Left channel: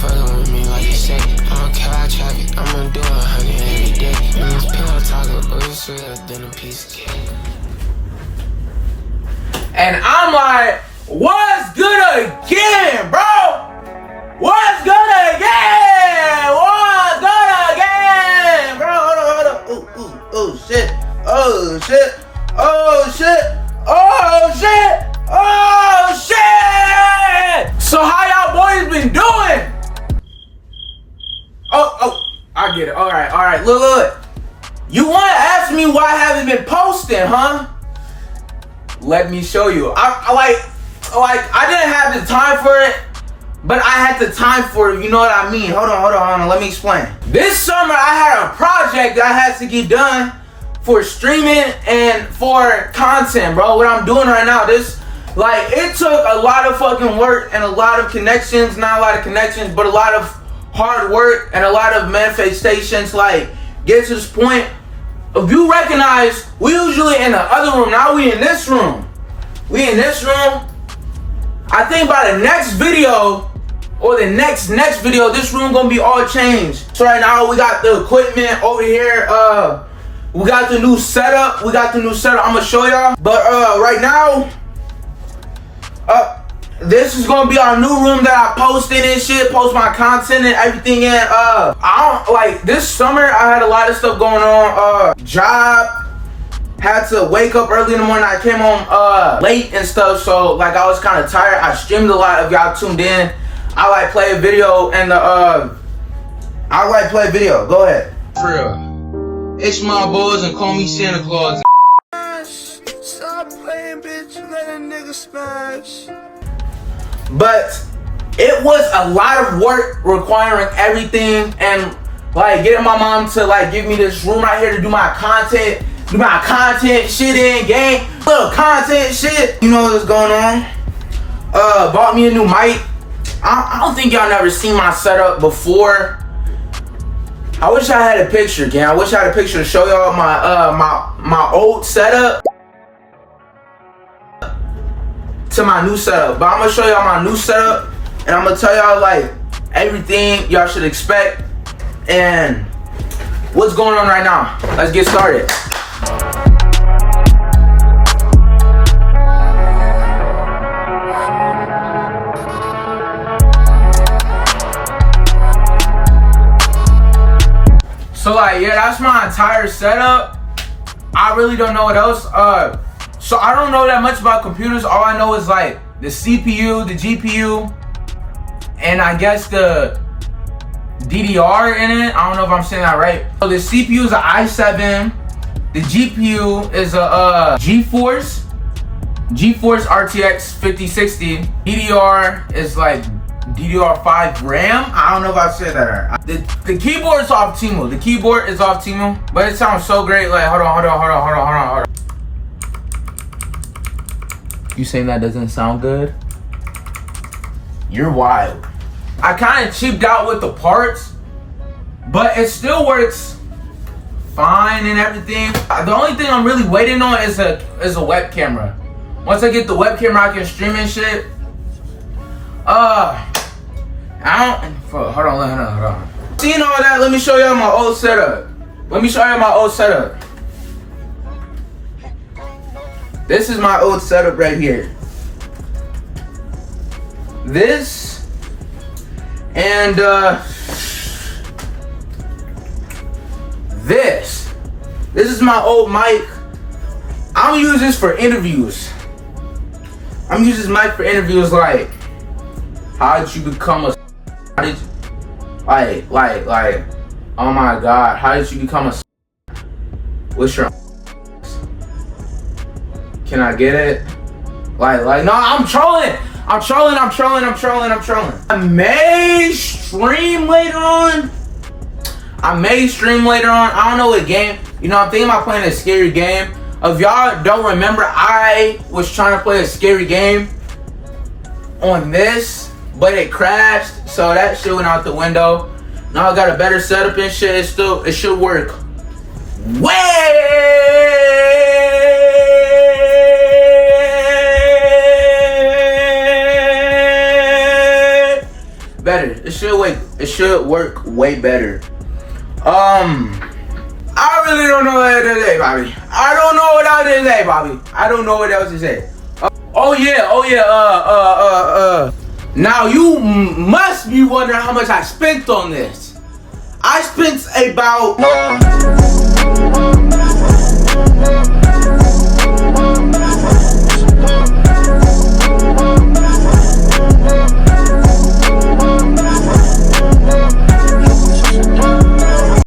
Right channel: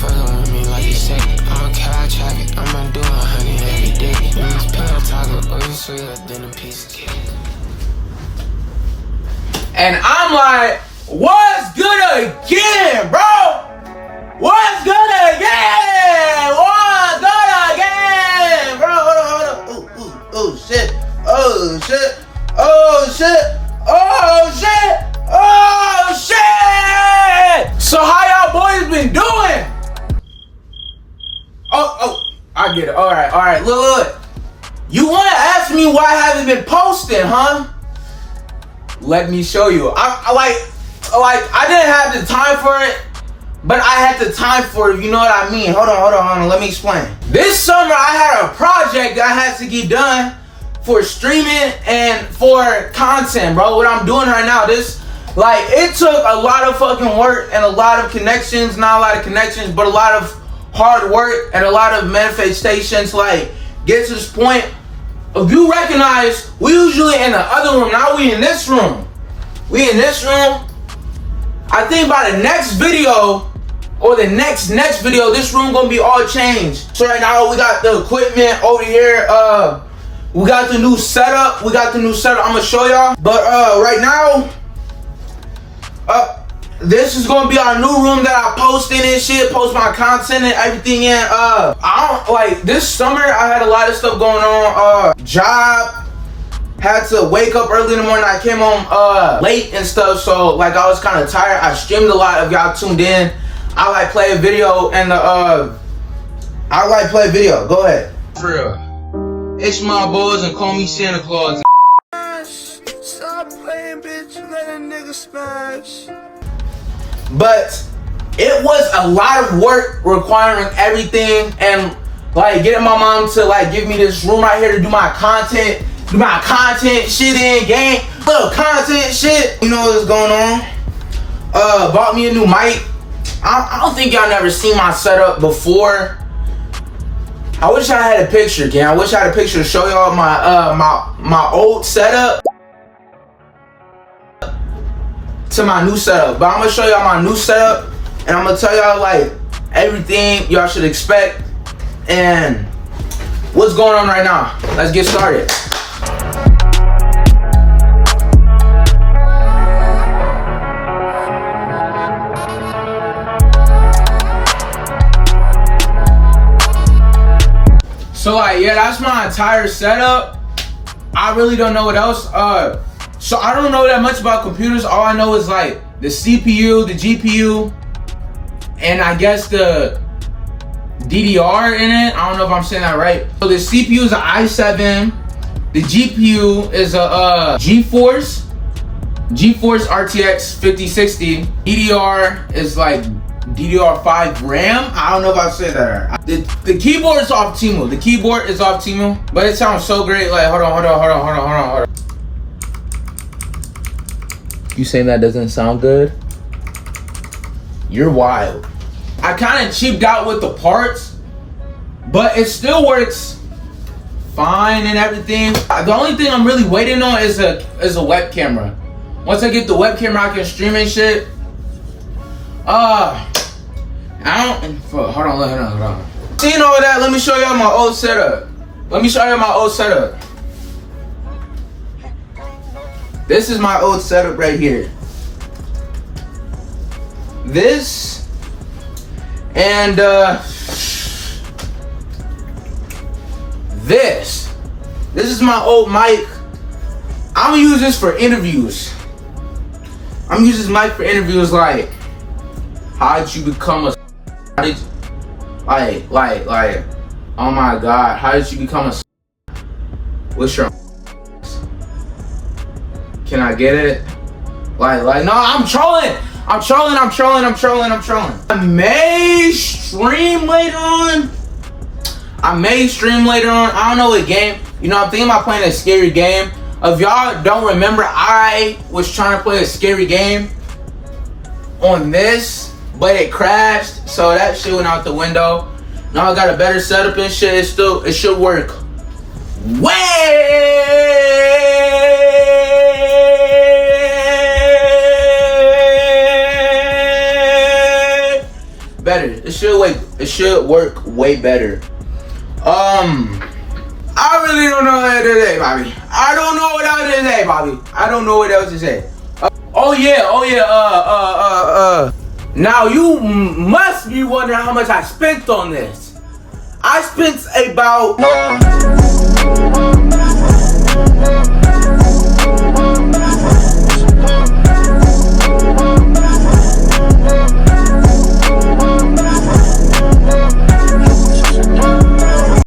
fucking with me like you say. I don't care about traffic, I'ma do 100 every day. You must pillow talking, oh, you sweeter than a piece of cake. And I'm like, what's good again, bro? What's good again? What's good again, bro? Hold on. Oh, shit. Oh, shit. Oh, shit. Oh, shit. Oh, shit. So how y'all boys been doing? Oh, I get it. All right. Look. You want to ask me why I haven't been posting, huh? Let me show you. I didn't have the time for it, but I had the time for it. You know what I mean? Hold on. Let me explain. This summer, I had a project that I had to get done for streaming and for content, bro. What I'm doing right now, it took a lot of fucking work and a lot of connections. Not a lot of connections, but a lot of hard work and a lot of manifestations. Get to this point. If you recognize, we usually in the other room, now we in this room. I think by the next video, or the next video, this room gonna be all changed. So right now, we got the equipment over here. We got the new setup. I'm gonna show y'all. But right now, this is gonna be our new room that I post in and shit, post my content and everything in. This summer I had a lot of stuff going on. Job, had to wake up early in the morning. I came home late and stuff, so I was kind of tired. I streamed a lot. If y'all tuned in, I play a video and play a video. Go ahead. For real. It's my boys and call me Santa Claus. Stop playing, bitch. Let a nigga smash. But it was a lot of work requiring everything and getting my mom to give me this room right here to do my content shit in game, little content shit. You know what's going on. Bought me a new mic. I don't think y'all never seen my setup before. I wish I had a picture, gang. I wish I had a picture to show y'all my old setup to my new setup. But I'm gonna show y'all my new setup and I'm gonna tell y'all everything y'all should expect and what's going on right now. Let's get started. So yeah, that's my entire setup. I really don't know what else. So I don't know that much about computers. All I know is the CPU, the GPU, and I guess the DDR in it. I don't know if I'm saying that right. So the CPU is an i7. The GPU is a GeForce RTX 5060. DDR is DDR5 RAM. I don't know if I said that right. The keyboard is Optimo. But it sounds so great. Hold on. You saying that doesn't sound good? You're wild. I kind of cheaped out with the parts, but it still works fine and everything. The only thing I'm really waiting on is a web camera. Once I get the web camera, I can stream and shit. Hold on. Seeing all that, let me show y'all my old setup. This is my old setup right here. This and this is my old mic. I'm gonna use this for interviews. How did you become a oh my god, how did you become a what's your can I get it? No, I'm trolling. I may stream later on. I don't know what game. I'm thinking about playing a scary game. If y'all don't remember, I was trying to play a scary game on this, but it crashed, so that shit went out the window. Now I got a better setup and shit. It should work way better. should work way better. I really don't know what to say, Bobby. I don't know what else to say, Bobby. I don't know what else to say. Oh yeah. Now you must be wondering how much I spent on this. I spent about